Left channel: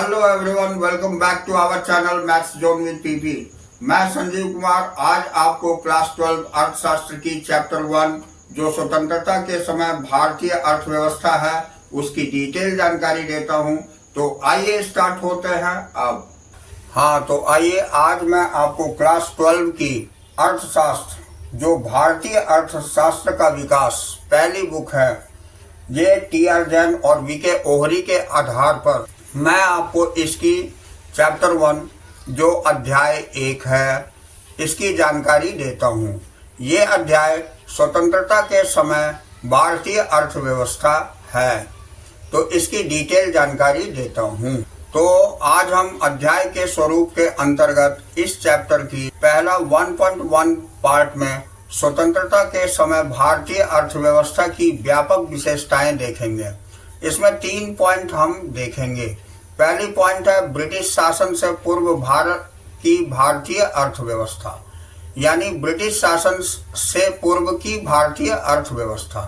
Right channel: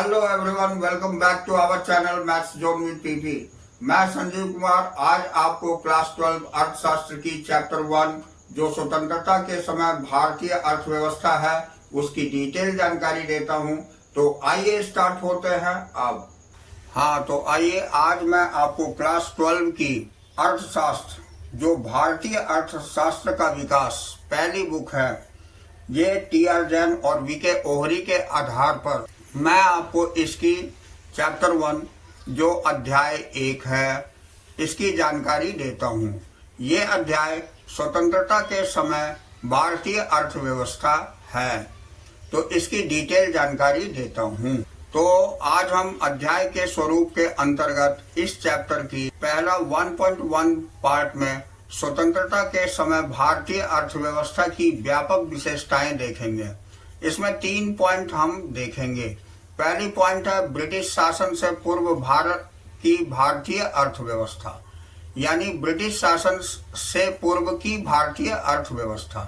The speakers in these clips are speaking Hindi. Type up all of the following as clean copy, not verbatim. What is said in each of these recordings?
Hello everyone, welcome back to our channel maths zone with PP. मैं संजीव कुमार आज आपको क्लास 12 अर्थशास्त्र की चैप्टर 1 जो स्वतंत्रता के समय भारतीय अर्थव्यवस्था है उसकी डिटेल जानकारी देता हूं। तो आइए स्टार्ट होते हैं अब। तो आइए आज मैं आपको क्लास 12 की अर्थशास्त्र जो भारतीय अर्थशास्त्र का विकास पहली बुक है, ये टी.आर. जैन और वी.के. ओहरी के आधार पर मैं आपको इसकी चैप्टर 1 जो अध्याय 1 है इसकी जानकारी देता हूँ। ये अध्याय स्वतंत्रता के समय भारतीय अर्थव्यवस्था है, तो इसकी डिटेल जानकारी देता हूँ। तो आज हम अध्याय के स्वरूप के अंतर्गत इस चैप्टर की पहला 1.1 पार्ट में स्वतंत्रता के समय भारतीय अर्थव्यवस्था की व्यापक विशेषताएं देखेंगे। इसमें 3 पॉइंट हम देखेंगे। पहली पॉइंट है ब्रिटिश शासन से पूर्व भारत की भारतीय अर्थव्यवस्था, यानी ब्रिटिश शासन से पूर्व की भारतीय अर्थव्यवस्था।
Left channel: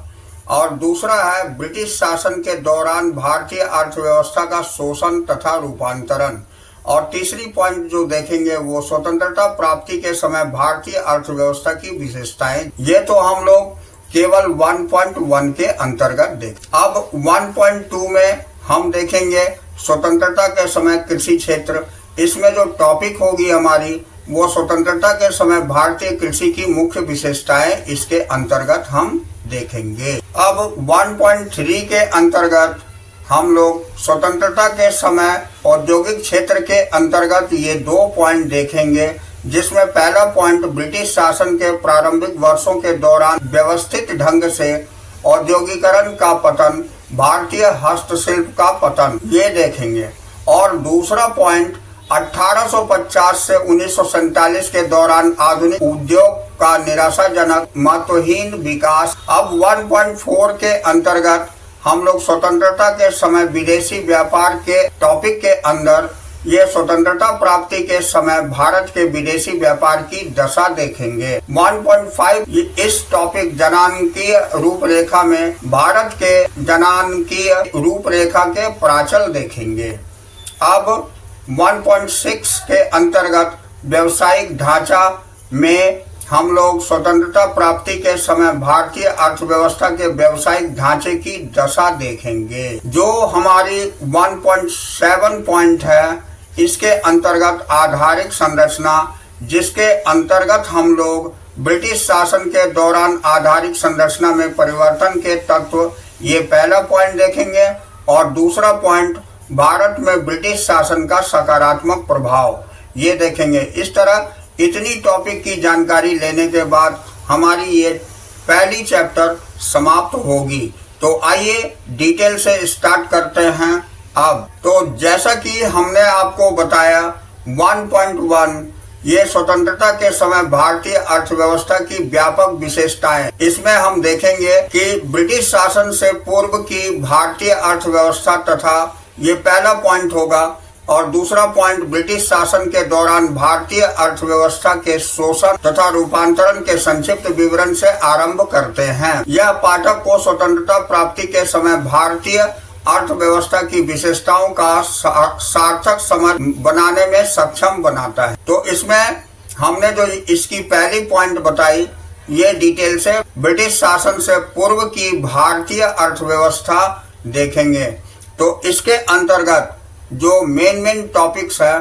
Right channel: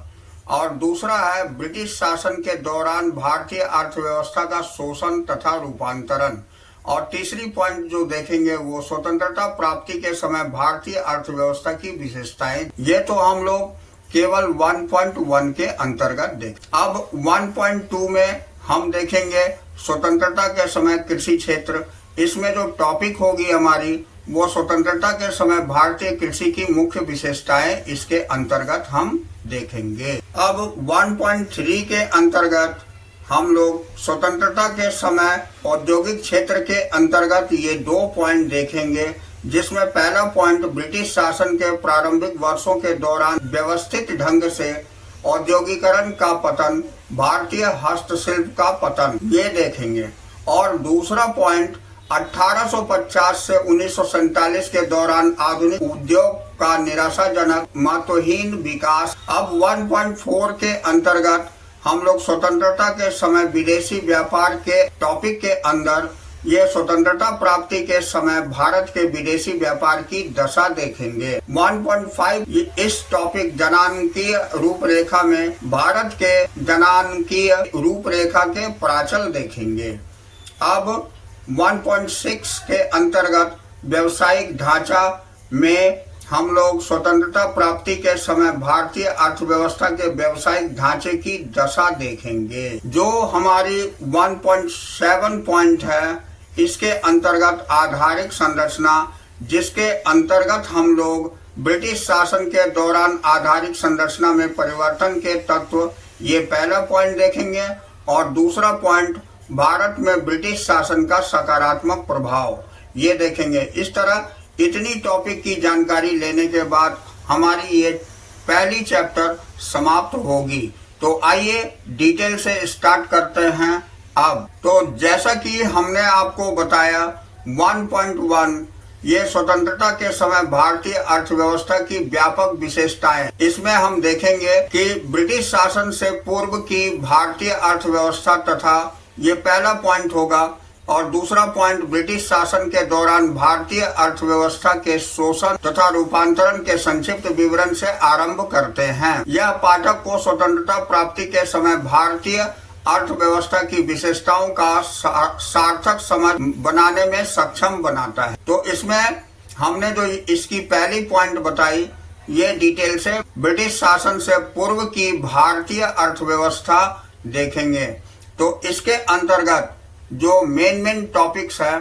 और दूसरा है ब्रिटिश शासन के दौरान भारतीय अर्थव्यवस्था का शोषण तथा रूपांतरण। और तीसरी पॉइंट जो देखेंगे वो स्वतंत्रता प्राप्ति के समय भारतीय अर्थव्यवस्था की विशेषताएं। ये तो हम लोग केवल 1.1 के अंतर्गत देख। अब 1.2 में हम देखेंगे स्वतंत्रता के समय कृषि क्षेत्र। इसमें जो टॉपिक होगी हमारी वो स्वतंत्रता के समय भारतीय कृषि की मुख्य विशेषताएं इसके अंतर्गत हम देखेंगे। अब 1.3 के अंतर्गत हम लोग स्वतंत्रता के समय औद्योगिक क्षेत्र के अंतर्गत ये 2 पॉइंट देखेंगे, जिसमें पहला पॉइंट ब्रिटिश शासन के प्रारंभिक वर्षों के दौरान व्यवस्थित ढंग से औद्योगिकरण का पतन, भारतीय हस्तशिल्प का पतन, ये देखेंगे। और दूसरा पॉइंट 1850 से 1947 के दौरान आधुनिक उद्योग का निराशाजनक महत्वहीन विकास। अब 1.4 के अंतर्गत हम लोग स्वतंत्रता के समय विदेशी व्यापार के टॉपिक के अंदर ये स्वतंत्रता प्राप्ति के समय भारत के विदेशी व्यापार की दशा देखेंगे। 1.5 इस टॉपिक जनांकीय रूपरेखा में भारत के जनांकीय रूपरेखा के प्राचल देखेंगे। अब 1.6 के अंतर्गत व्यवसायिक ढांचा में हम लोग स्वतंत्रता प्राप्ति के समय भारतीय अर्थव्यवस्था के व्यवसायिक ढांचे की दशा देखेंगे। जो हमारी 1.7 पॉइंट है इसके अंतर्गत आधारिक संरचना, जिसके अंतर्गत हम लोग ब्रिटिश शासन के दौरान आधारिक संरचना में परिवर्तन के तत्व, ये पहला पॉइंट देखेंगे। और दूसरा पॉइंट भारत में ब्रिटिश शासन का सकारात्मक प्रभाव, ये देखेंगे। इस तरह इतनी टॉपिक की जानकारी लेने के बाद हमारी ये पहली चैप्टर समाप्त होगी। तो आइए डिटेल से स्टार्ट करते हैं अब। तो जैसा कि हमने आपको बताया 1.1 ये स्वतंत्रता के समय भारतीय अर्थव्यवस्था की व्यापक विशेषताएं। इसमें हम देखेंगे कि ब्रिटिश शासन से पूर्व की भारतीय अर्थव्यवस्था तथा ये पहला पॉइंट होगा। और दूसरा पॉइंट ब्रिटिश शासन के दौरान भारतीय अर्थव्यवस्था के शोषण तथा रूपांतरण के संक्षिप्त विवरण से आरंभ करते हैं। यह पाठक को स्वतंत्रता प्राप्ति के समय भारतीय अर्थव्यवस्था की विशेषताओं का सार्थक समझ बनाने में सक्षम बनाता है। तो इसमें हमने जो इसकी पहली पॉइंट बताई ये डिटेल से ब्रिटिश शासन से पूर्व की भारतीय अर्थव्यवस्था देखेंगे। तो इसके अंतर्गत जो मेन टॉपिक्स है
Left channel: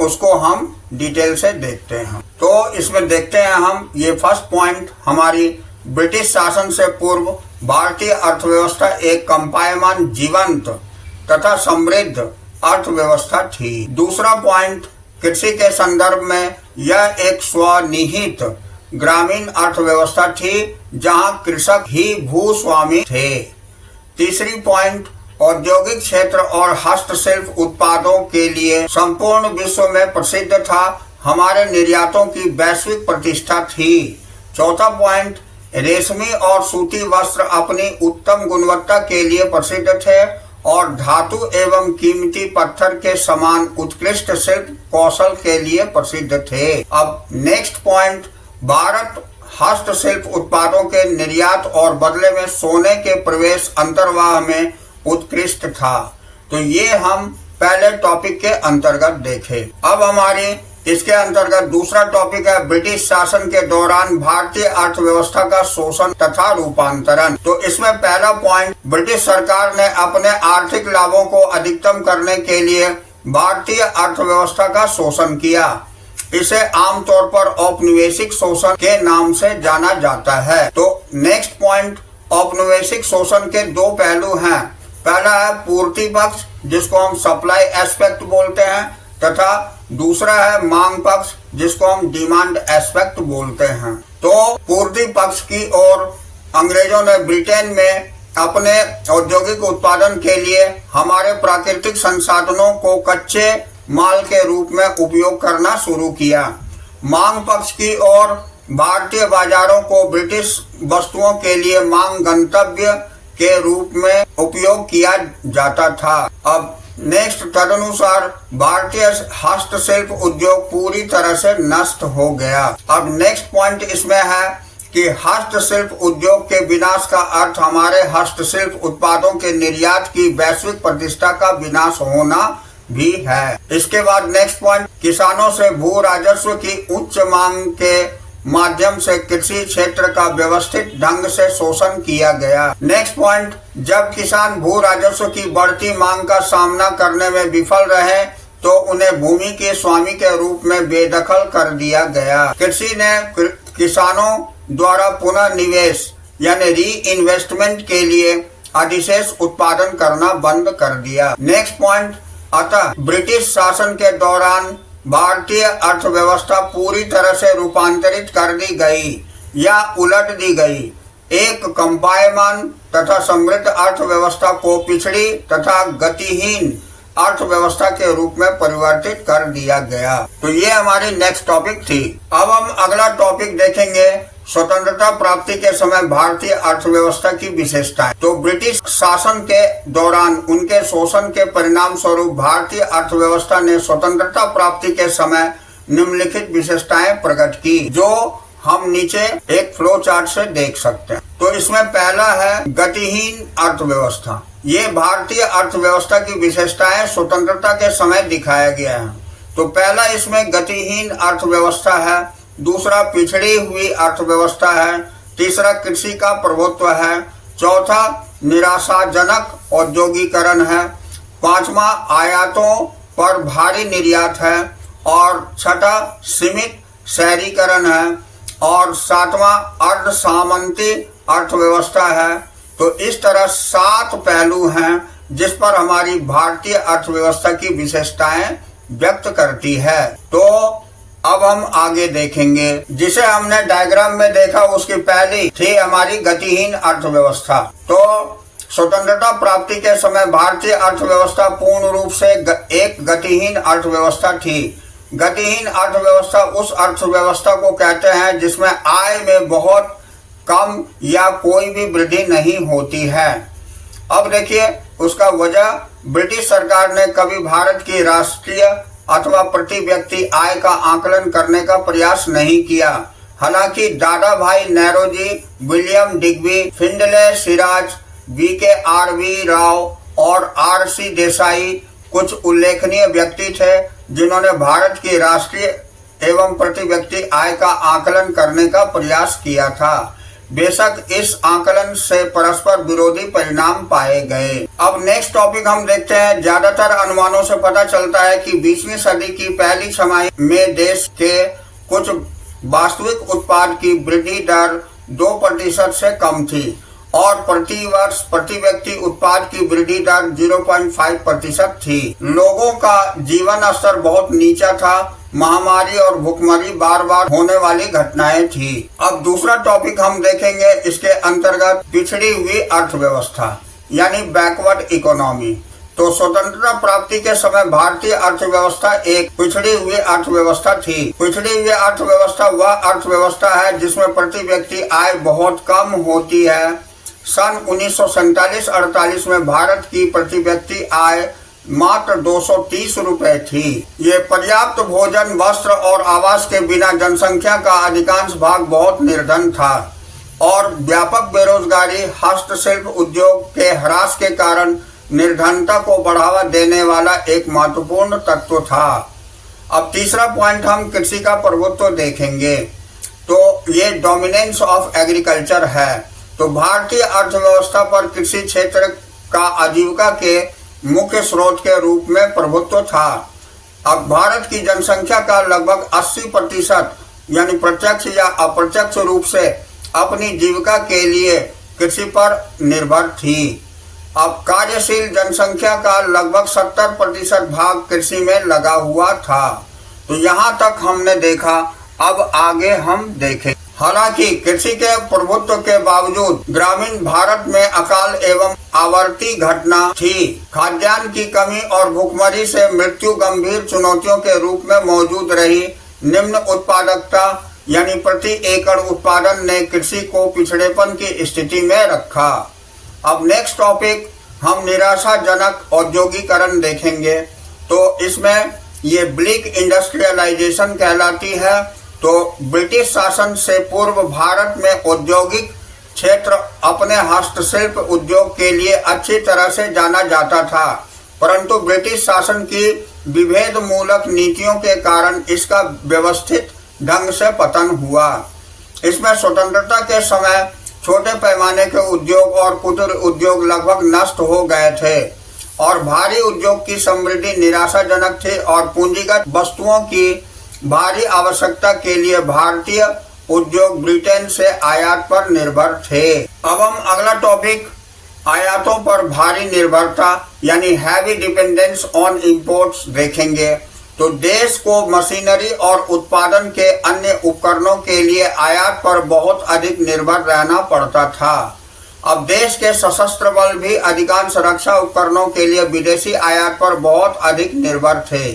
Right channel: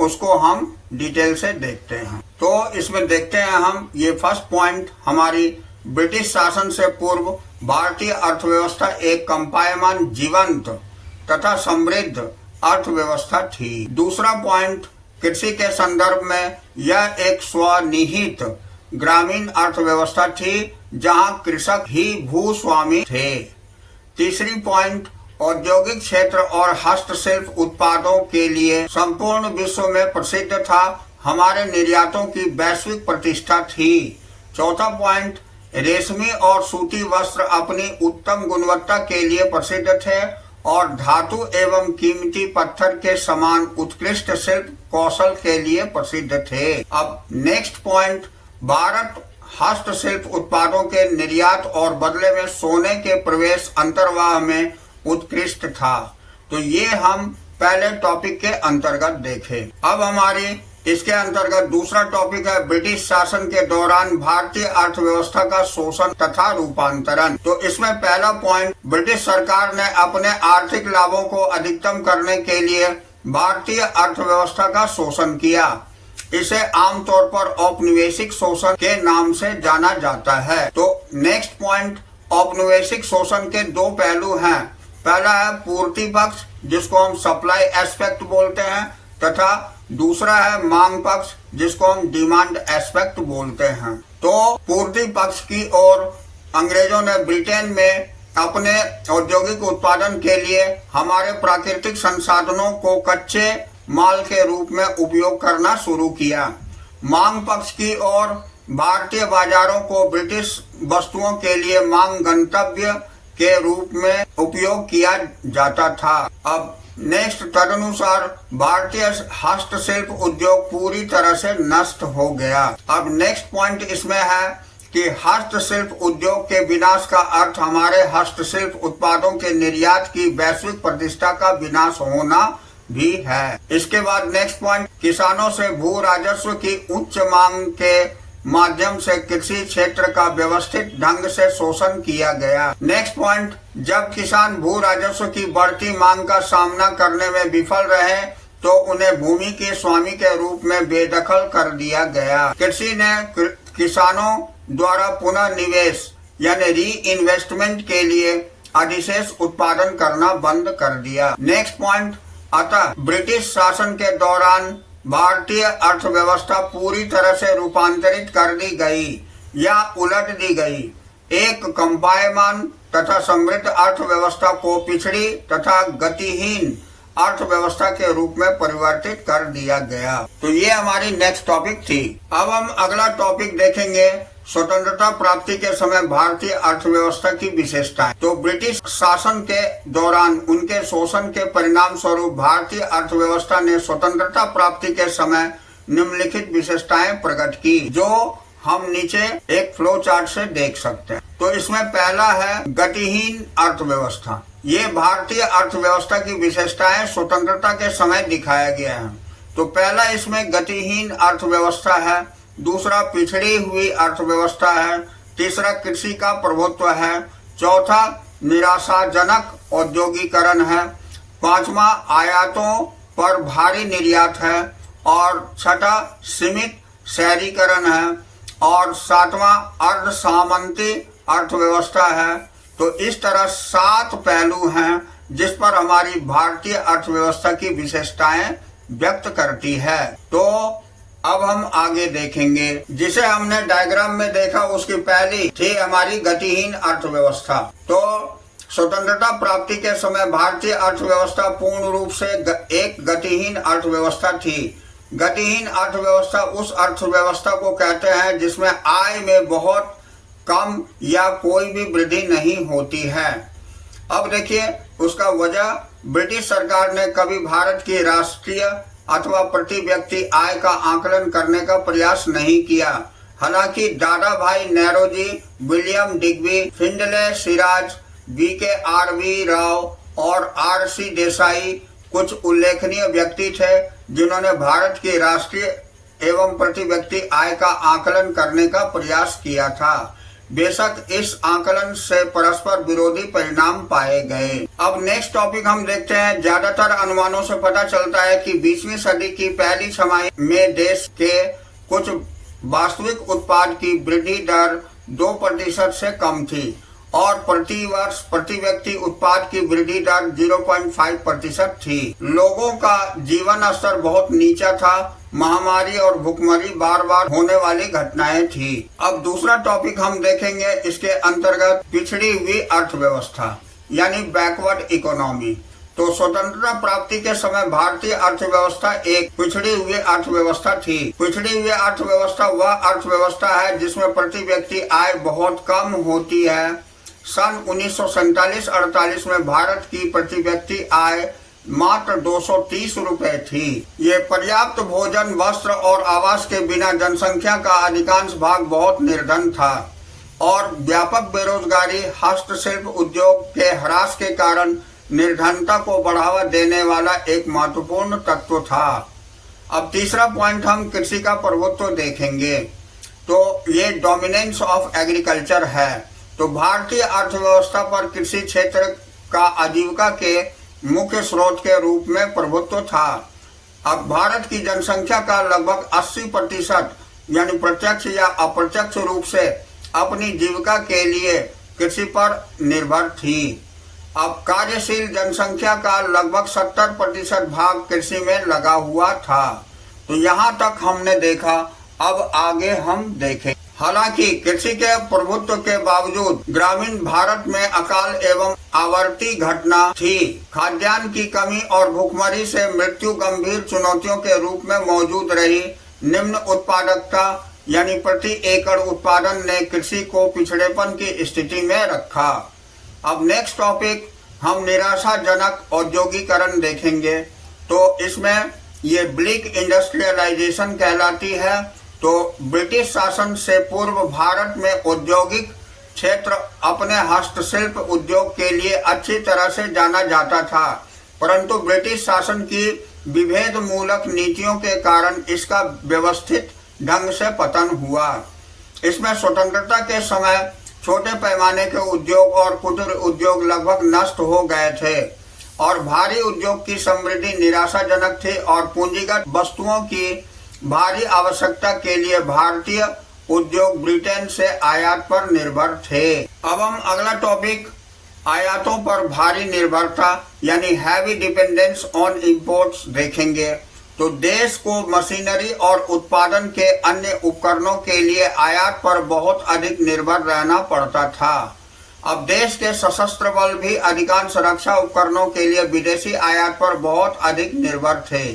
उसको हम डिटेल से देखते हैं। तो इसमें देखते हैं हम ये फर्स्ट पॉइंट हमारी ब्रिटिश शासन से पूर्व भारतीय अर्थव्यवस्था एक कंपायमान जीवंत तथा समृद्ध अर्थव्यवस्था थी। दूसरा पॉइंट कृषि के संदर्भ में यह एक स्वनिहित ग्रामीण अर्थव्यवस्था थी जहां कृषक ही भूस्वामी थे। तीसरी पॉइंट औद्योगिक क्षेत्र और हस्तशिल्प उत्पादों के लिए संपूर्ण विश्व में प्रसिद्ध था। हमारे निर्यातों की वैश्विक प्रतिष्ठा थी। चौथा पॉइंट रेशमी और सूती वस्त्र अपनी उत्तम गुणवत्ता के लिए प्रसिद्ध थे और धातु एवं कीमती पत्थर के समान उत्कृष्ट शिल्प कौशल के लिए प्रसिद्ध थे। अब नेक्स्ट पॉइंट भारत हस्तशिल्प उत्पादों के निर्यात और बदले में सोने के प्रवेश अंतर्वाह में उत्कृष्ट था। तो ये हम पहले टॉपिक के अंतर्गत देखे। अब हमारे इसके अंतर्गत दूसरा टॉपिक है ब्रिटिश शासन के दौरान भारतीय अर्थव्यवस्था का शोषण तथा रूपांतरण। तो इसमें पहला पॉइंट, ब्रिटिश सरकार ने अपने आर्थिक लाभों को अधिकतम करने के लिए भारतीय अर्थव्यवस्था का शोषण किया। इसे आमतौर पर औपनिवेशिक शोषण के नाम से जाना जाता है। तो नेक्स्ट पॉइंट, औपनिवेशिक शोषण के दो पहलू हैं। पहला है पूर्ति पक्ष, जिसको हम सप्लाई एस्पेक्ट बोलते हैं, तथा दूसरा है मांग पक्ष, जिसको हम डिमांड एस्पेक्ट बोलते हैं। तो पूर्ति पक्ष की ओर अंग्रेजों ने ब्रिटेन में अपने औद्योगिक उत्पादन के लिए हमारे प्राकृतिक संसाधनों को कच्चे माल के रूप में उपयोग करना शुरू किया। मांग पक्ष की ओर भारतीय बाजारों को ब्रिटिश वस्तुओं के लिए मांग गंतव्य के रूप में उपयोग किया जाता था। अब नेक्स्ट, तदनुसार भारतीय हस्तशिल्प उद्योग पूरी तरह से नष्ट हो गया। अब नेक्स्ट पॉइंट इसमें है कि हस्तशिल्प उद्योग के विनाश का अर्थ हमारे हस्तशिल्प उत्पादों के निर्यात की वैश्विक प्रतिष्ठा का विनाश होना भी है। इसके बाद नेक्स्ट पॉइंट, किसानों से भू राजस्व की उच्च मांग के माध्यम से कृषि क्षेत्र का व्यवस्थित ढंग से शोषण किया गया। नेक्स्ट पॉइंट, जब किसान भू राजस्व की बढ़ती मांग का सामना करने में विफल रहे तो उन्हें भूमि के स्वामी के रूप में बेदखल कर दिया गया। कृषि ने किसानों द्वारा पुनः निवेश यानी री इन्वेस्टमेंट के लिए अधिशेष उत्पादन करना बंद कर दिया। नेक्स्ट पॉइंट, अतः ब्रिटिश शासन के दौरान भारतीय अर्थव्यवस्था पूरी तरह से रूपांतरित कर दी गई या उलट दी गई। एक कंपायमान तथा समृद्ध अर्थव्यवस्था को पिछड़ी तथा गतिहीन अर्थव्यवस्था के रूप में परिवर्तित कर दिया गया। तो ये हमारी नेक्स्ट टॉपिक थी। अब हम अगला टॉपिक देखेंगे, स्वतंत्रता प्राप्ति के समय भारतीय अर्थव्यवस्था की विशेषताएं। तो ब्रिटिश शासन के दौरान उनके शोषण के परिणाम स्वरूप भारतीय अर्थव्यवस्था ने स्वतंत्रता प्राप्ति के समय निम्नलिखित विशेषताएं प्रकट की, जो हम नीचे एक फ्लो चार्ट से देख सकते हैं। तो इसमें पहला है गतिहीन अर्थव्यवस्था। ये भारतीय अर्थव्यवस्था की विशेषताएं स्वतंत्रता के समय दिखाया गया है। तो पहला इसमें गतिहीन अर्थव्यवस्था है, दूसरा पिछड़ी हुई अर्थव्यवस्था है, तीसरा कृषि का प्रभुत्व है, चौथा निराशाजनक औद्योगिकरण है, पांचवा आयातों पर भारी निर्यात है, और छठा सीमित शहरीकरण है, और सातवां अर्ध सामंती अर्थव्यवस्था है। तो इस तरह 7 पहलू हैं जिस पर हमारी भारतीय अर्थव्यवस्था की विशेषताएं व्यक्त करती है। तो अब हम आगे देखेंगे, जिसे हमने डायग्राम में देखा उसकी पहली थी हमारी गतिहीन अर्थव्यवस्था। तो स्वतंत्रता प्राप्ति के समय भारतीय अर्थव्यवस्था पूर्ण रूप से एक गतिहीन अर्थव्यवस्था थी। गतिहीन अर्थव्यवस्था उस अर्थव्यवस्था को कहते हैं जिसमें आय में बहुत कम या कोई भी वृद्धि नहीं होती है। अब देखिए उसका वजह, ब्रिटिश सरकार ने कभी भारत की राष्ट्रीय अथवा प्रति व्यक्ति आय का आकलन करने का प्रयास नहीं किया। हालांकि Dadabhai Naoroji, William Digby, Findlay Shirras, BKRV Rao और RC देसाई कुछ उल्लेखनीय व्यक्ति थे जिन्होंने भारत की राष्ट्रीय एवं प्रति व्यक्ति आय का आकलन करने का प्रयास किया था। बेशक इस आकलन से परस्पर विरोधी परिणाम पाए गए। अब नेक्स्ट टॉपिक हम देखते हैं। ज्यादातर अनुमानों से पता चलता है कि 20वीं सदी की पहली छमाही में देश के कुछ वास्तविक उत्पाद की वृद्धि दर 2% से कम थी और प्रति वर्ष प्रति व्यक्ति उत्पाद की वृद्धि दर 0.5% थी। लोगों का जीवन स्तर बहुत नीचा था। महामारी और भुखमरी बार बार होने वाली घटनाएं थी। अब दूसरा टॉपिक हम देखेंगे, इसके अंतर्गत पिछड़ी हुई अर्थव्यवस्था यानी बैकवर्ड इकोनॉमी। तो स्वतंत्रता प्राप्ति के समय भारतीय अर्थव्यवस्था एक पिछड़ी हुई अर्थव्यवस्था थी। पिछड़ी हुई अर्थव्यवस्था वह अर्थव्यवस्था है जिसमें प्रति व्यक्ति आय बहुत कम होती है। सन 1947-48 में भारत की प्रति व्यक्ति आय मात्र 230 रुपए थी। ये पर्याप्त भोजन, वस्त्र और आवास के बिना जनसंख्या का अधिकांश भाग बहुत निर्धन था और व्यापक बेरोजगारी, हस्तशिल्प उद्योग के ह्रास के कारण निर्धनता को बढ़ावा देने वाला एक महत्वपूर्ण तत्व था। अब तीसरा पॉइंट हम कृषि का प्रभुत्व देखेंगे, तो ये डोमिनेंस ऑफ एग्रीकल्चर है। तो भारतीय अर्थव्यवस्था पर कृषि क्षेत्र का आजीविका के मुख्य स्रोत के रूप में प्रभुत्व था। अब भारत की जनसंख्या का लगभग 80% यानी प्रत्यक्ष या अप्रत्यक्ष रूप से अपनी जीविका के लिए कृषि पर निर्भर थी। अब कार्यशील जनसंख्या का लगभग 70% भाग कृषि में लगा हुआ था। तो यहाँ तक हमने देखा, अब आगे हम देखें। हालांकि कृषि के प्रभुत्व के बावजूद ग्रामीण भारत में अकाल एवं आवर्ती घटना थी। खाद्यान्न की कमी और भूखमरी से मृत्यु गंभीर चुनौतियों के रूप में मौजूद रही। निम्न उत्पादकता यानी प्रति एकड़ उत्पादन ने कृषि को पिछड़ेपन की स्थिति में रखा। अब नेक्स्ट टॉपिक हम निराशाजनक औद्योगिकरण देखेंगे। तो इसमें ये ब्लिक इंडस्ट्रियलाइजेशन कहलाती है। तो ब्रिटिश शासन से पूर्व भारत में औद्योगिक क्षेत्र अपने हस्तशिल्प उद्योग के लिए अच्छी तरह से जाना जाता था, परंतु ब्रिटिश शासन की विभेद मूलक नीतियों के कारण इसका व्यवस्थित ढंग से पतन हुआ। इसमें स्वतंत्रता के समय छोटे पैमाने के उद्योग और कुटीर उद्योग लगभग नष्ट हो गए थे और भारी उद्योग की समृद्धि निराशाजनक थी और पूंजीगत वस्तुओं की भारी आवश्यकता के लिए भारतीय उद्योग ब्रिटेन से आयात पर निर्भर थे। अब हम अगला टॉपिक आयातों पर भारी निर्भरता यानी हैवी डिपेंडेंस ऑन इंपोर्ट्स देखेंगे। तो देश को मशीनरी और उत्पादन के अन्य उपकरणों के लिए आयात पर बहुत अधिक निर्भर रहना पड़ता था। अब देश के सशस्त्र बल भी अधिकांश रक्षा उपकरणों के लिए विदेशी आयात पर बहुत अधिक निर्भर थे।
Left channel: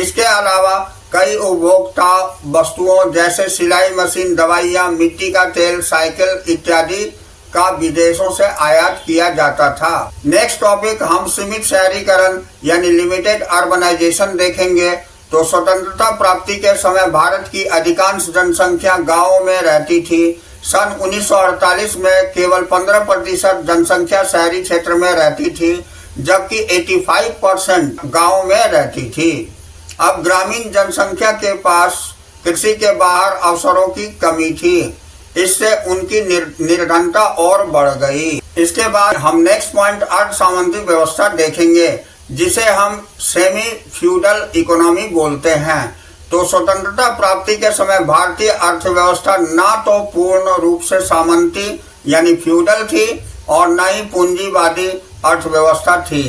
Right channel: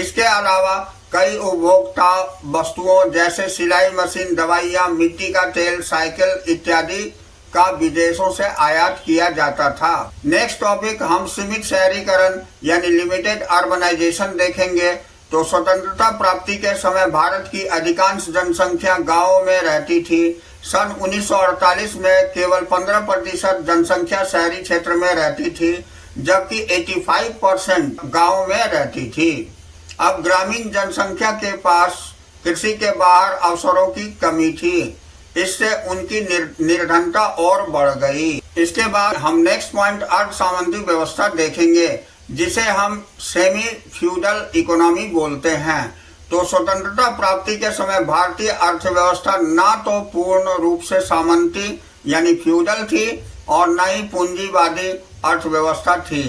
इसके अलावा कई उपभोक्ता वस्तुओं जैसे सिलाई मशीन, दवाइयाँ, मिट्टी का तेल, साइकिल इत्यादि का विदेशों से आयात किया जाता था। नेक्स्ट टॉपिक हम सीमित शहरीकरण यानी लिमिटेड अर्बनाइजेशन देखेंगे। तो स्वतंत्रता प्राप्ति के समय भारत की अधिकांश जनसंख्या गांवों में रहती थी। सन 1948 में केवल 15% जनसंख्या शहरी क्षेत्र में रहती थी, जबकि 85% गांव में रहती थी। अब ग्रामीण जनसंख्या के पास कृषि के बाहर अवसरों की कमी थी, इससे उनकी निर्धनता और बढ़ गई। इसके बाद हम नेक्स्ट पॉइंट अर्ध सामंती व्यवस्था देखेंगे, जिसे हम सेमी फ्यूडल इकोनॉमी बोलते हैं। तो स्वतंत्रता प्राप्ति के समय भारतीय अर्थव्यवस्था ना तो पूर्ण रूप से सामंती यानी फ्यूडल थी और न ही पूंजीवादी अर्थव्यवस्था थी।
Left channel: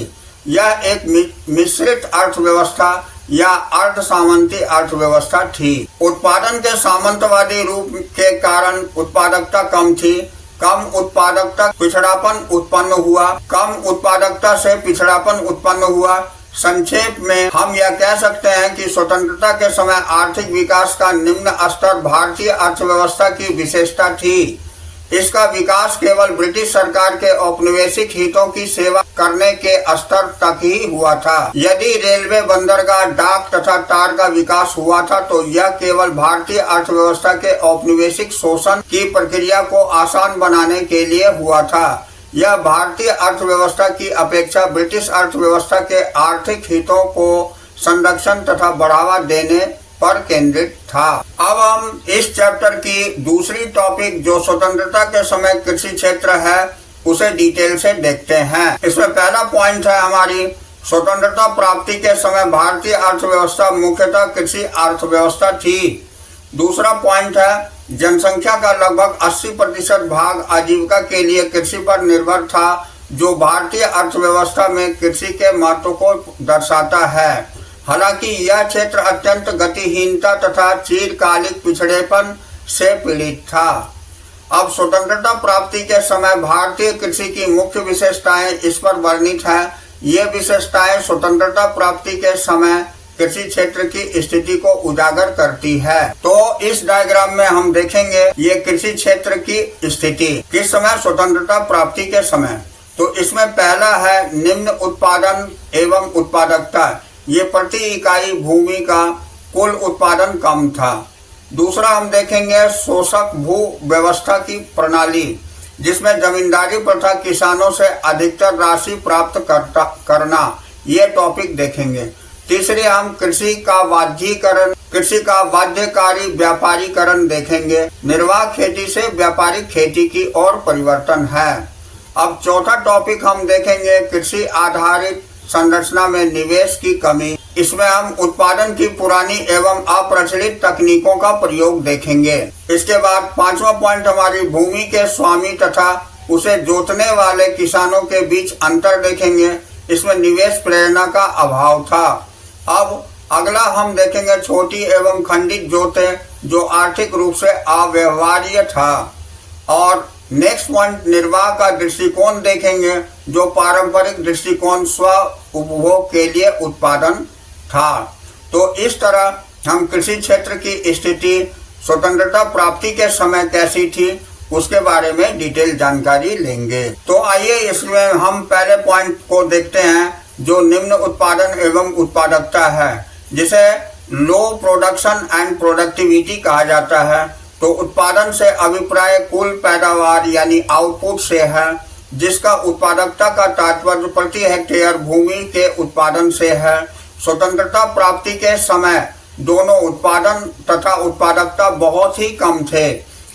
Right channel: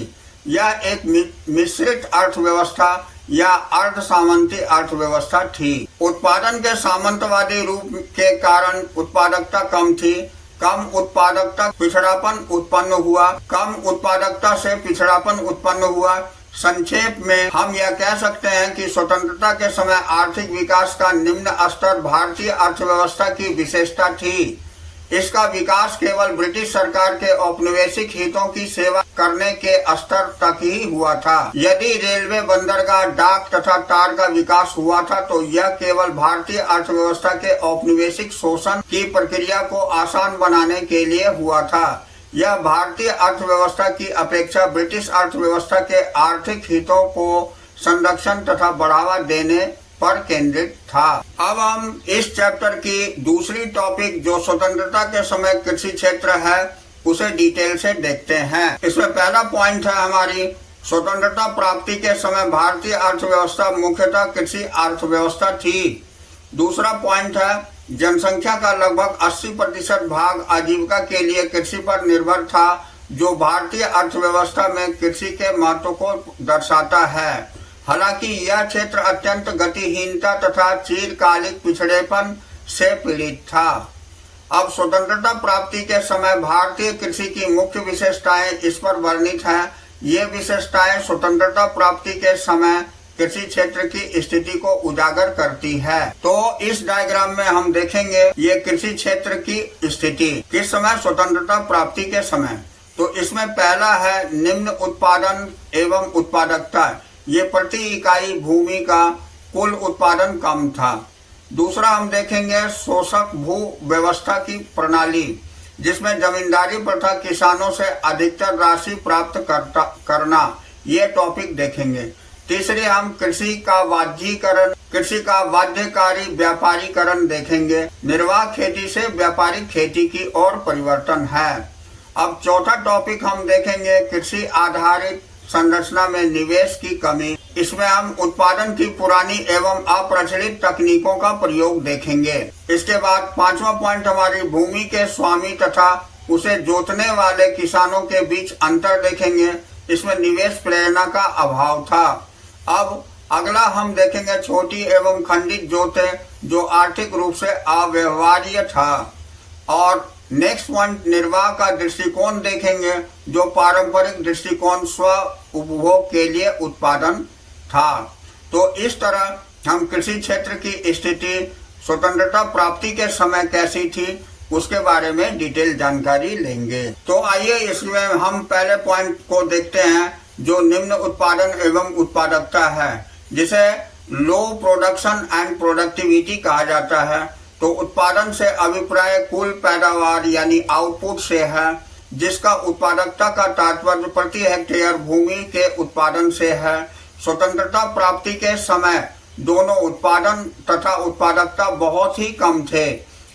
यह एक मिश्रित अर्थव्यवस्था या अर्ध सामंती अर्थव्यवस्था थी। उत्पादन के सामंतवादी रूप के कारण उत्पादकता कम थी। कम उत्पादकता पिछड़ापन उत्पन्न हुआ। कम उत्पादकता से पिछड़ापन उत्पन्न हुआ। संक्षेप में हम यह कह सकते हैं कि स्वतंत्रता के समय आर्थिक विकास का निम्न स्तर भारतीय अर्थव्यवस्था की विशेषता थी। इसका विकास केवल ब्रिटिश सरकार के औपनिवेशिक हितों की सेवा करने के स्तर तक ही हुआ था। यदि रेलवे, बंदरगाह, डाक तथा तार का विकास हुआ था तो यह केवल भारतीय अर्थव्यवस्था के औपनिवेशिक शोषण की प्रक्रिया को आसान बनाने के लिए हुआ था। यह भारतीय अर्थव्यवस्था की अपेक्षा ब्रिटिश अर्थव्यवस्था के आर्थिक हितों को संरक्षण तथा बढ़ावा देने पर केंद्रित था। अब हम इस चैप्टर की दूसरी टॉपिक जो स्वतंत्रता के समय कृषि क्षेत्र है उसे डिटेल से देखते हैं। इसमें पहला पॉइंट है हमारी स्वतंत्रता प्राप्ति के समय भारतीय अर्थव्यवस्था मुख्यतः कृषि अर्थव्यवस्था थी। दूसरा पॉइंट है जनसंख्या का लगभग 80% भाग आजीविका के लिए कृषि पर निर्भर था, जो भारतीय अर्थव्यवस्था में कृषि के महत्व को दर्शाता है। हालांकि यह क्षेत्र अत्यंत गतिहीनता तथा चिरकालिक पिछड़ेपन से पीड़ित था। अब स्वतंत्रता प्राप्ति के समय भारतीय कृषि की मुख्य विशेषताएं इस पर वर्णित हैं। ये विशेषताएं स्वतंत्रता प्राप्ति के समय कृषि क्षेत्र की स्थिति को उजागर करती है। तो इस डायग्राम में हम देखेंगे ये कृषि क्षेत्र की स्थिति किस समय स्वतंत्रता प्राप्ति के समय। तो इसमें पहला है निम्न उत्पादन एवं उत्पादकता। ये प्रति इकाई भूमि का कुल उत्पादन कम था। दूसरा हम देखेंगे शोषक भू व्यवस्था की प्रणाली। जिसमें जमींदारी प्रथा किसानों से अधिकतर राशि प्राप्त करना, ये टॉपिक देखेंगे। तीसरी हम कृषि का बाध्यकारी व्यापारीकरण देखेंगे। निर्वाह खेती से व्यापारिक खेती की ओर परिवर्तन है। अब चौथा टॉपिक हम देखेंगे कृषि आधारित संरचना में निवेश की कमी। इसमें हम उत्पादन की पुरानी एवं अप्रचलित तकनीकों का प्रयोग देखेंगे। इसके बाद पांचवा पॉइंट हमारी भूमि के स्वामी तथा उसे जोतने वाले किसानों के बीच अंतर देखेंगे। इसमें निवेश प्रेरणा का अभाव था। अब अगला हम देखेंगे छोटी एवं खंडित जोतें, जो आर्थिक रूप से अव्यवहार्य था। और नेक्स्ट पॉइंट निर्वाह का दृष्टिकोण देखेंगे, जो पारंपरिक दृष्टिकोण स्व उपभोग के लिए उत्पादन था। तो इस तरह हम कृषि क्षेत्र की स्थिति स्वतंत्रता प्राप्ति के समय कैसी थी उसके बारे में डिटेल जानकारी लेंगे। तो आइए इसमें हम पहले पॉइंट को देखते हैं, जो निम्न उत्पादन एवं उत्पादकता है, जिसे लो प्रोडक्शन एंड प्रोडक्टिविटी कहा जाता है। तो उत्पादन से अभिप्राय कुल पैदावार यानी आउटपुट से है, जिसका उत्पादकता का तात्पर्य प्रति हेक्टेयर भूमि के उत्पादन से है। स्वतंत्रता प्राप्ति के समय दोनों उत्पादन तथा उत्पादकता बहुत ही कम थे।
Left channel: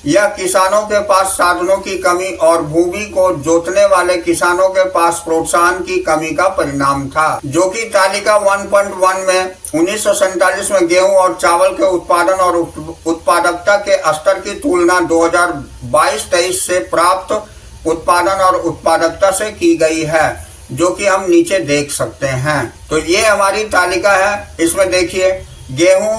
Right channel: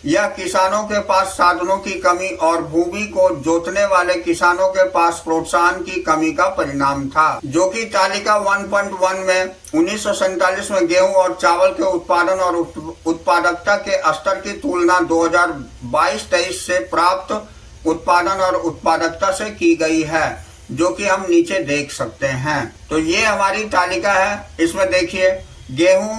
यह किसानों के पास साधनों की कमी और भूमि को जोतने वाले किसानों के पास प्रोत्साहन की कमी का परिणाम था, जो कि तालिका 1.1 में 1947 में गेहूं और चावल के उत्पादन और उत्पादकता के स्तर की तुलना 2022-23 से प्राप्त उत्पादन और उत्पादकता से की गई है, जो कि हम नीचे देख सकते हैं। तो ये हमारी तालिका है। इसमें देखिए गेहूं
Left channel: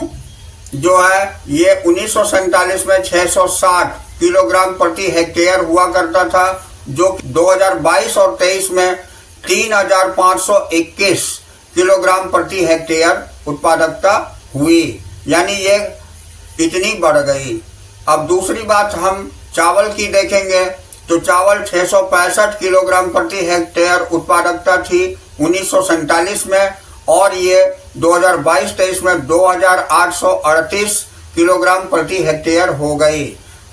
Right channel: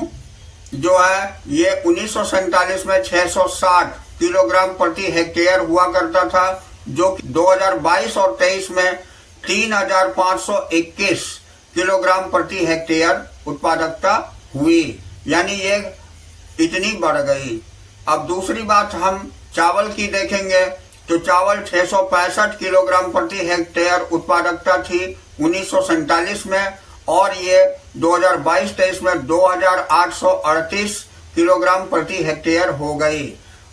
जो है ये 1947 में 660 किलोग्राम प्रति हेक्टेयर हुआ करता था, जो 2022 और 23 में 3521 किलोग्राम प्रति हेक्टेयर उत्पादकता हुई, यानी ये इतनी बढ़ गई। अब दूसरी बात हम चावल की देखेंगे, तो चावल 665 किलोग्राम प्रति हेक्टेयर उत्पादकता थी 1947 में, और ये 2022-23 में 2838 किलोग्राम प्रति हेक्टेयर हो गई।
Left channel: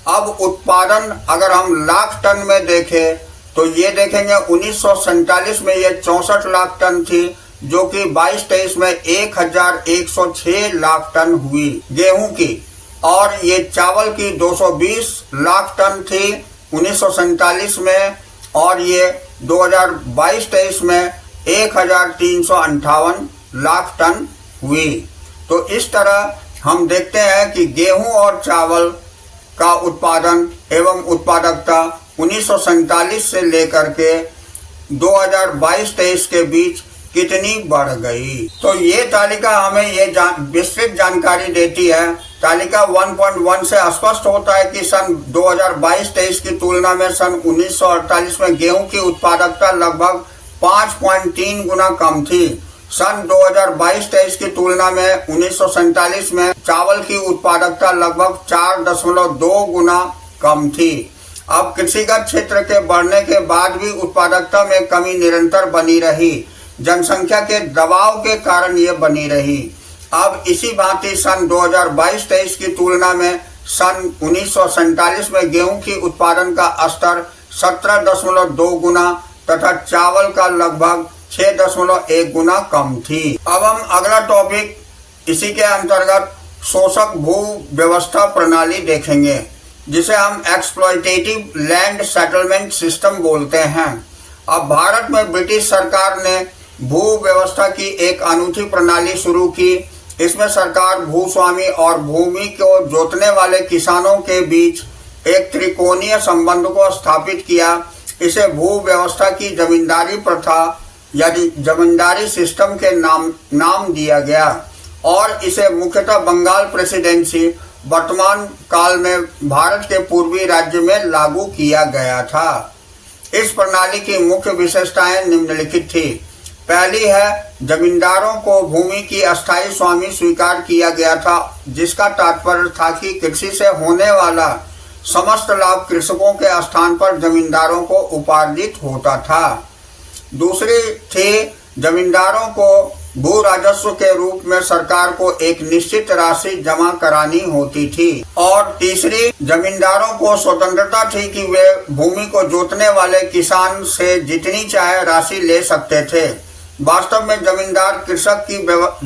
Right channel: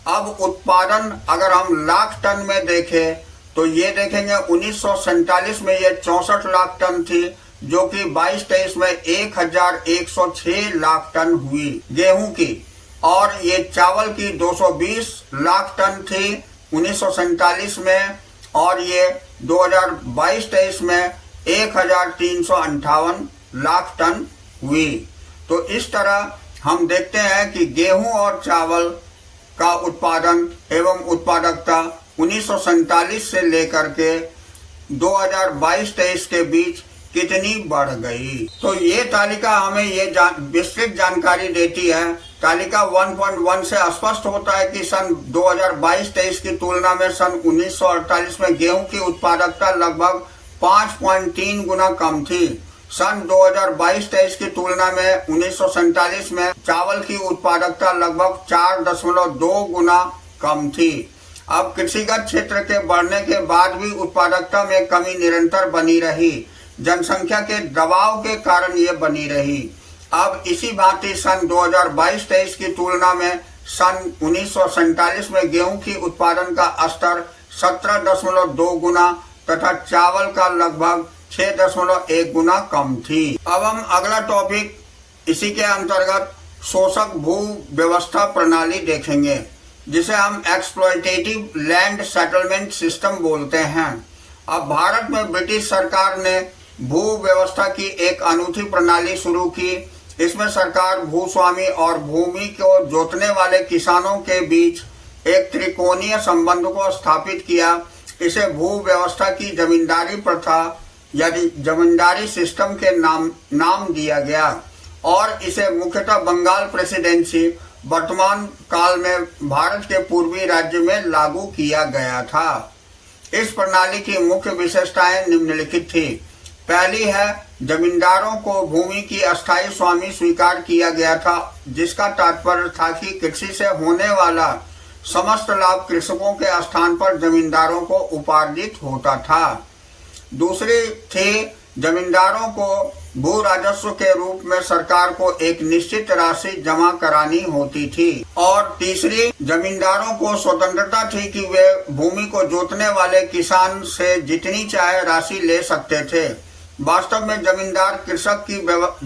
अब उत्पादन अगर हम लाख टन में देखें तो ये देखेंगे 1947 में ये 64 लाख टन थी, जो कि 22-23 में 1106 लाख टन हुई गेहूं की, और ये चावल की 220 लाख टन थी 1947 में, और ये 2022-23 में 1358 लाख टन हुई। तो इस तरह हम देखते हैं कि गेहूं और चावल का उत्पादन एवं उत्पादकता 1947 से लेकर के 2022-23 के बीच कितनी बढ़ गई। तो ये तालिका हमें ये विस्तृत जानकारी देती है। तालिका 1.1 से स्पष्ट होता है कि सन 2022-23 की तुलना में सन 1948 में गेहूं की उत्पादकता लगभग 5.3 गुना कम थी। सन 2022-23 की तुलना में 1947 में चावल की उत्पादकता लगभग 4.2 गुना कम थी। अब कृषिगत क्षेत्र के बढ़ने के बाद भी उत्पादकता में कमी निरंतर बनी रही। जनसंख्या के दबाव के कारण ये बनी रही। अब इसी भांति सन 2022-23 की तुलना में सन 1947 में गेहूं की उत्पादन का स्तर 17.2 गुना तथा चावल का लगभग 6.1 गुना कम थी। अब हम अगला टॉपिक इसी के अंतर्गत शोषक भू व्यवस्था प्रणाली देखेंगे, जिसे हम एक्सप्लॉयटेटिव लैंड सेटलमेंट सिस्टम बोलते हैं। अब भारत में ब्रिटिश सरकार ने भू व्यवस्था की एक अनूठी प्रणाली शुरू की। इसमें सरकार भूस्वामी और भूमि को जोतने वाले किसानों के बीच एक त्रिकोणीय संबंध को स्थापित किया। इसे भू व्यवस्था की जमींदारी प्रथा यानी जमींदारी सिस्टम के नाम दिया गया, और इसे मुख्यतः बंगाल प्रेसिडेंसी वर्तमान काल में भारत के पूर्वी राज्य में लागू किया गया था। इस प्रणाली की मुख्य विशेषताएं निम्नलिखित थी। पहली है, जमींदारों को भूमि की अस्थायी स्वामी स्वीकार किया गया था, जिसका तात्पर्य था कि कृषि से होने वाला समस्त लाभ कृषकों के स्थान पर जमींदारों को उपार्जित होता था। दूसरी थी, जमींदारों को भू राजस्व के रूप में सरकार को एक निश्चित राशि जमा करानी होती थी। और तीसरी, जमींदारों को स्वतंत्रता थी कि वे भूमि को जोतने वाले किसान से जितनी चाहे राशि ले सकते थे। वास्तव में जमींदार कृषक की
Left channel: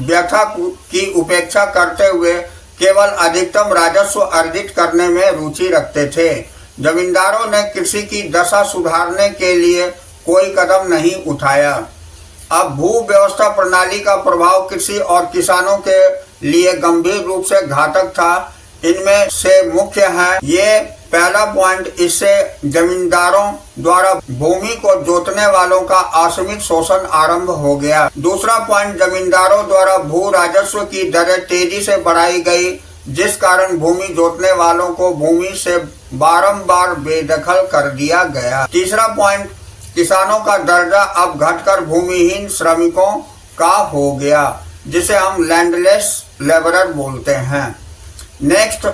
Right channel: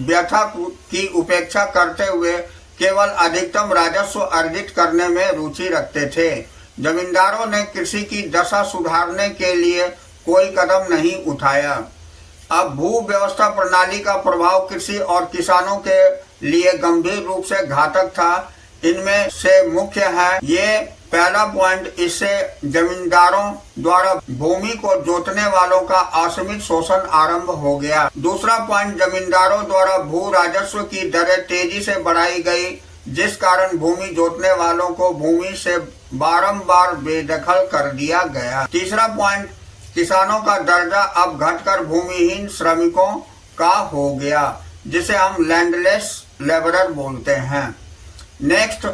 व्यथा की उपेक्षा करते हुए केवल अधिकतम राजस्व अर्जित करने में रुचि रखते थे। जमींदारों ने कृषि की दशा सुधारने के लिए कोई कदम नहीं उठाया। अब भू व्यवस्था प्रणाली का प्रभाव कृषि और किसानों के लिए गंभीर रूप से घातक था। इनमें से मुख्य है ये पहला पॉइंट, इससे जमींदारों द्वारा भूमि को जोतने वालों का असीमित शोषण आरंभ हो गया। दूसरा पॉइंट, जमींदारों द्वारा भू राजस्व की दरें तेजी से बढ़ाई गई, जिस कारण भूमि जोतने वालों को भूमि से बारंबार बेदखल कर दिया गया। तीसरा पॉइंट, किसानों का दर्जा अब घटकर भूमिहीन श्रमिकों का हो गया, जिसे हम लैंडलेस लेबरर बोलते हैं। नेक्स्ट,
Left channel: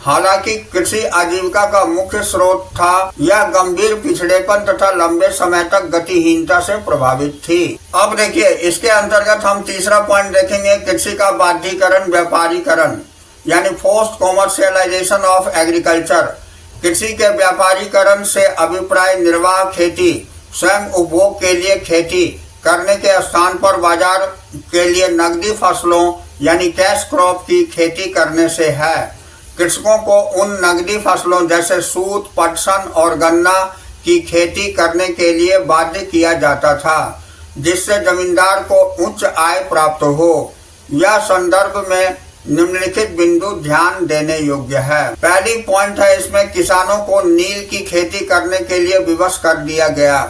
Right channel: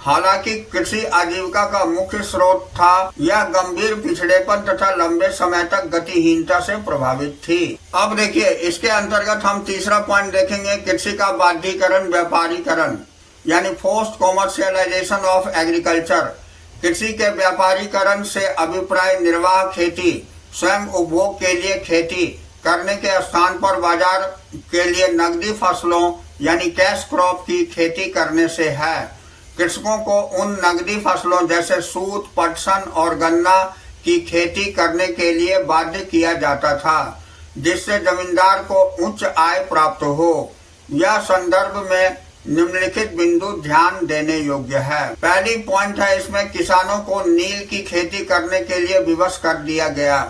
हालांकि कृषि आजीविका का मुख्य स्रोत था, यह गंभीर पिछड़ेपन तथा लंबे समय तक गतिहीनता से प्रभावित थी। अब देखिए, इसके अंतर्गत हम तीसरा पॉइंट देखेंगे, कृषि का बाध्यीकरण, व्यापारीकरण यानी फोर्स्ड कॉमर्शियलाइजेशन ऑफ एग्रीकल्चर। कृषि के व्यापारीकरण से अभिप्राय निर्वाह खेती, स्वयं उपभोग के लिए खेती करने के स्थान पर बाजार के लिए नकदी फसलों यानी कैश क्रॉप की खेती करने से है। कृषकों को उन नकदी फसलों जैसे सूत, पटसन और गन्ना की खेती करने के लिए बाध्य किया जाता था, जिससे जमींदार को उच्च आय प्राप्त हो। यह संदर्भ में निम्नलिखित बिंदु ध्यान देने योग्य है। पहली पॉइंट है, इसमें किसानों को नील की खेती करने के लिए विवश कर दिया गया,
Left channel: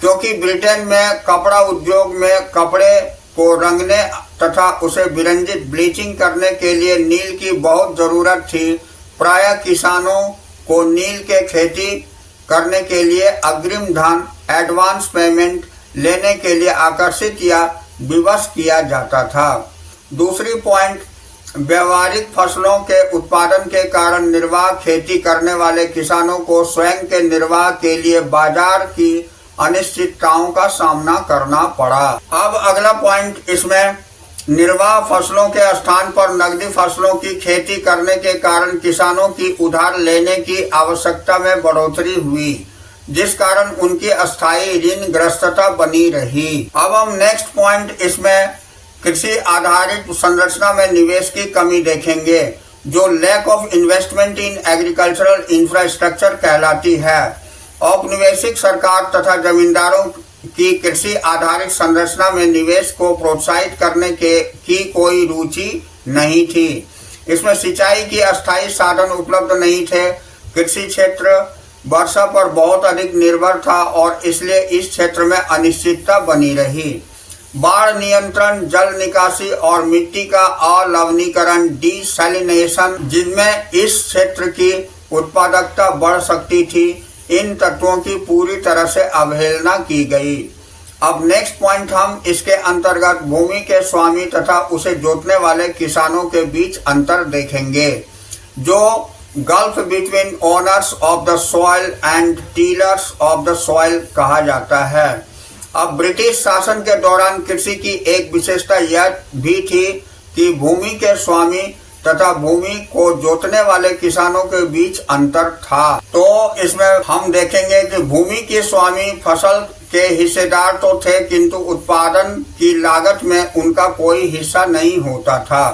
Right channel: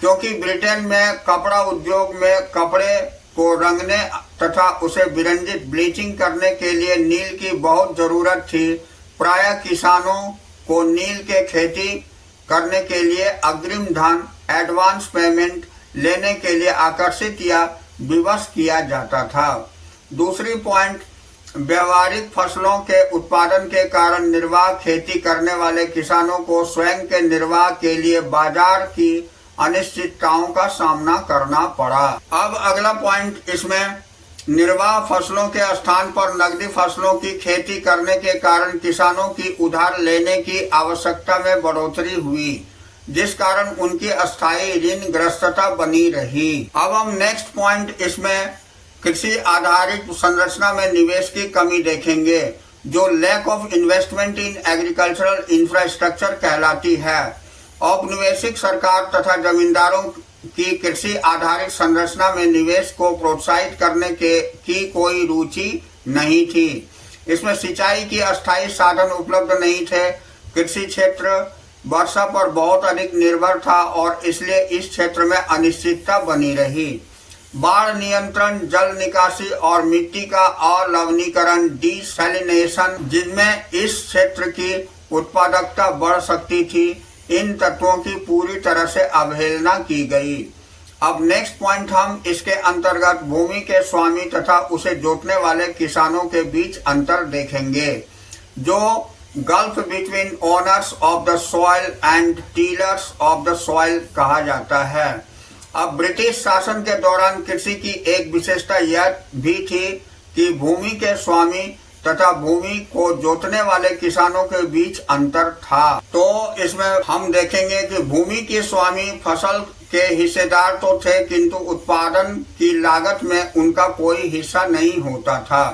क्योंकि ब्रिटेन में कपड़ा उद्योग में कपड़े को रंगने तथा उसे विरंजित ब्लीचिंग करने के लिए नील की बहुत जरूरत थी। प्रायः किसानों को नील के खेती करने के लिए अग्रिम धन, एडवांस पेमेंट लेने के लिए आकर्षित या विवश किया जाता था। दूसरी पॉइंट, व्यावहारिक फसलों के उत्पादन के कारण निर्वाह खेती करने वाले किसानों को स्वयं के निर्वाह के लिए बाजार की अनिश्चितताओं का सामना करना पड़ा। अब अगला पॉइंट, इसमें निर्वाह फसलों के स्थान पर नकदी फसलों की खेती करने के कारण किसानों की उधार लेने की आवश्यकता में बढ़ोतरी हुई, जिस कारण उनकी अस्थायी ऋण ग्रस्तता बनी रही। अब हम नेक्स्ट पॉइंट, इसमें कृषि आधारित संरचना में निवेश की कमी देखेंगे, जो lack of investment in agricultural infrastructure कहलाती है। औपनिवेशिक सरकार तथा जमींदारों की कृषि आधारित संरचना में निवेश को प्रोत्साहित करने की कोई रुचि नहीं थी। इसमें सिंचाई की अस्थायी साधन उपलब्ध नहीं थे। कृषि क्षेत्र वर्षा पर बहुत अधिक निर्भर था और इसलिए इस क्षेत्र में अनिश्चितता बनी रही। बाढ़ नियंत्रण, जल निकासी और मिट्टी का अलवणीकरण, डिसैलिनेशन, जिनमें इस क्षेत्र की उत्पादकता बढ़ सकती थी, इन तत्वों की पूरी तरह से अवहेलना की गई। अब नेक्स्ट पॉइंट, हम इसके अंतर्गत भूमि के स्वामी तथा उसे जोतने वाले किसानों के बीच अंतर देखेंगे, जो gulf between owners of the soil and tillers of the soil कहा जाता है। अब ब्रिटिश शासन के दौरान कृषि की एक विशेषता यह भी थी कि भूमि के स्वामी तथा भूमि को जोतने वाले किसानों के बीच अंतर था। तो इसमें हम देखेंगे कि भूमि के स्वामी फसल के हिस्सेदार तो थे, किंतु उत्पादन की लागत में उनका कोई हिस्सा नहीं होता था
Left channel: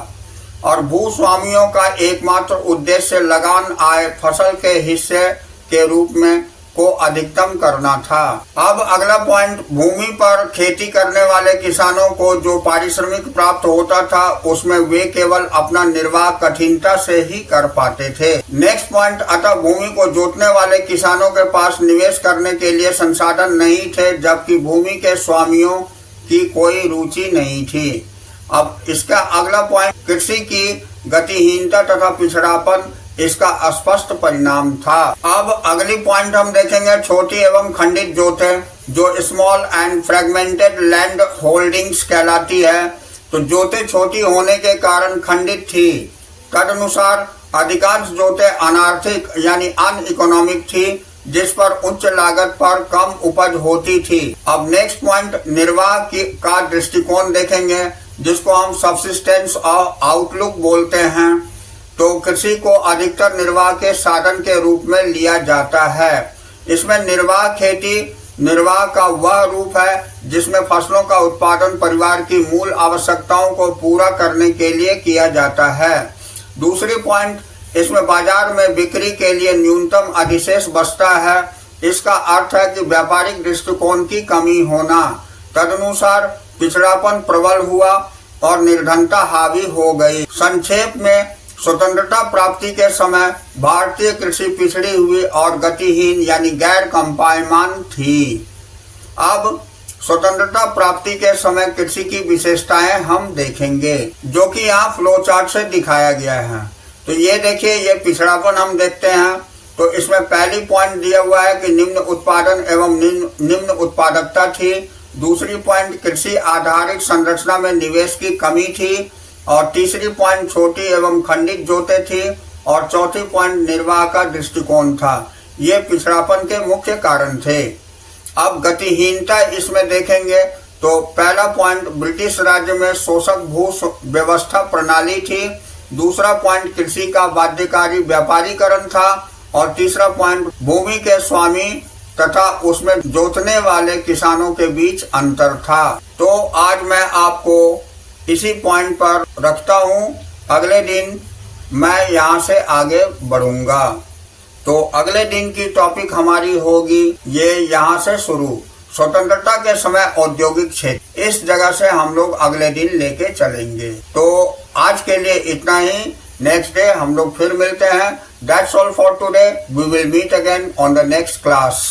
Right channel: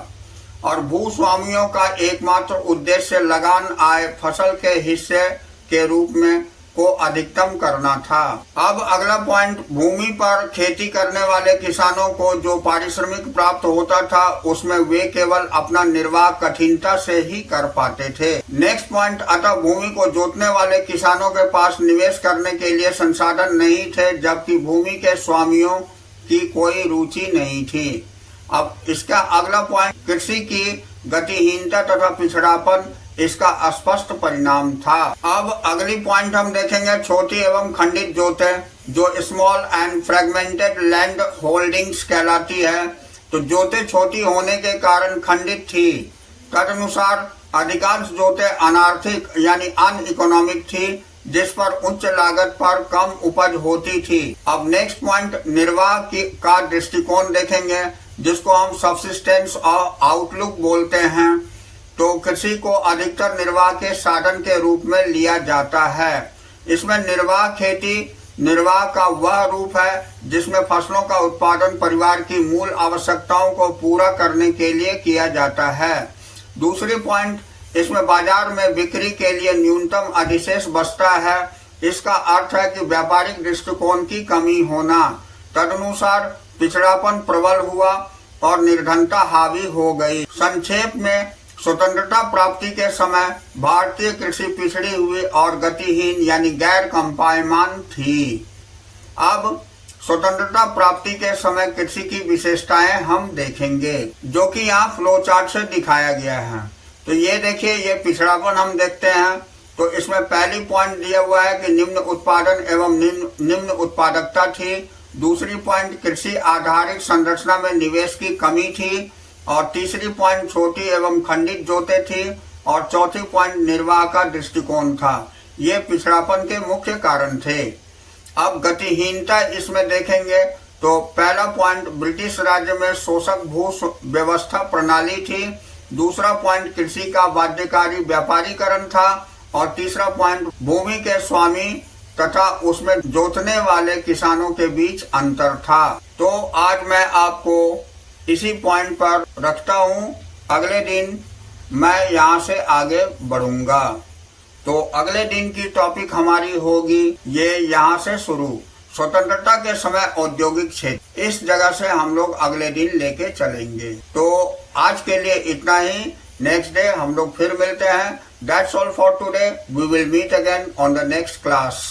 और भूस्वामियों का एकमात्र उद्देश्य लगान आय फसल के हिस्से के रूप में को अधिकतम करना था। अब अगला पॉइंट, भूमि पर खेती करने वाले किसानों को जो पारिश्रमिक प्राप्त होता था, उसमें वे केवल अपना निर्वाह कठिनता से ही कर पाते थे। नेक्स्ट पॉइंट, अतः भूमि को जोतने वाले किसानों के पास निवेश करने के लिए संसाधन नहीं थे, जबकि भूमि के स्वामियों की कोई रुचि नहीं थी। अब इसका अगला पॉइंट, कृषि की गतिहीनता तथा पिछड़ापन इसका स्पष्ट परिणाम था। अब अगली पॉइंट हम देखेंगे, छोटी एवं खंडित जोतें, जो small and fragmented land holdings कहलाती है। तो जोतें छोटी होने के कारण खंडित थी। तदनुसार अधिकांश जोतें अनार्थिक यानी अनइकोनॉमिक थी, जिस पर उच्च लागत पर कम उपज होती थी। अब नेक्स्ट पॉइंट निर्वाह का दृष्टिकोण देखेंगे, जिसको हम सब्सिस्टेंस और आउटलुक बोलते हैं। तो कृषि को अधिकतर निर्वाह के साधन के रूप में लिया जाता है। इसमें निर्वाह खेती निर्वाह का वह रूप है जिसमें फसलों का उत्पादन परिवार की मूल आवश्यकताओं को पूरा करने के लिए किया जाता है। दूसरी पॉइंट, इसमें बाजार में बिक्री के लिए न्यूनतम अधिशेष बचता है। इसका अर्थ है कि व्यापारिक दृष्टिकोण की कमी होना। तदनुसार पिछड़ापन प्रबल हुआ और निर्धनता हावी हो गई। संक्षेप में, स्वतंत्रता प्राप्ति के समय भारतीय कृषि पिछड़ी हुई और गतिहीन यानी गैर कंपायमान थी। अब स्वतंत्रता प्राप्ति के समय कृषि की विशेषताएं हम देखेंगे, जो कि यहाँ फ्लो चार्ट से दिखाया गया है। तो ये देखिए, ये पिछड़ापन हम देखते हैं। तो इसमें पहली पॉइंट दिया हुआ है कि निम्न उत्पादन एवं निम्न उत्पादकता थी। दूसरी पॉइंट, कृषि आधारित संरचना में निवेश की कमी थी। और तीसरी पॉइंट, छोटी एवं खंडित जोतें थी। और चौथी पॉइंट, निर्वाह का दृष्टिकोण था। ये पिछड़ापन के मुख्य कारण थे। अब गतिहीनता इसमें देखेंगे तो पहला पॉइंट, ब्रिटिश राज्य में शोषक भू व्यवस्था प्रणाली थी। दूसरा पॉइंट, कृषि का बाध्यकारी व्यापारीकरण था। और तीसरा पॉइंट, भूमि के स्वामी तथा उसमें जोतने वाले किसानों के बीच अंतर था। तो आज मैं आपको इसी पॉइंट पर रखता हूँ। अगले दिन मैं यहाँ से आगे बढ़ूंगा। तो अगले दिन की टॉपिक हमारी होगी ये यहाँ से शुरू, स्वतंत्रता के समय औद्योगिक क्षेत्र। इस जगह से हम लोग अगले दिन लेके चलेंगे। तो आज के लिए इतना ही। नेक्स्ट डे हम लोग फिर मिलते हैं। That's all for today. We will meet again on the next class.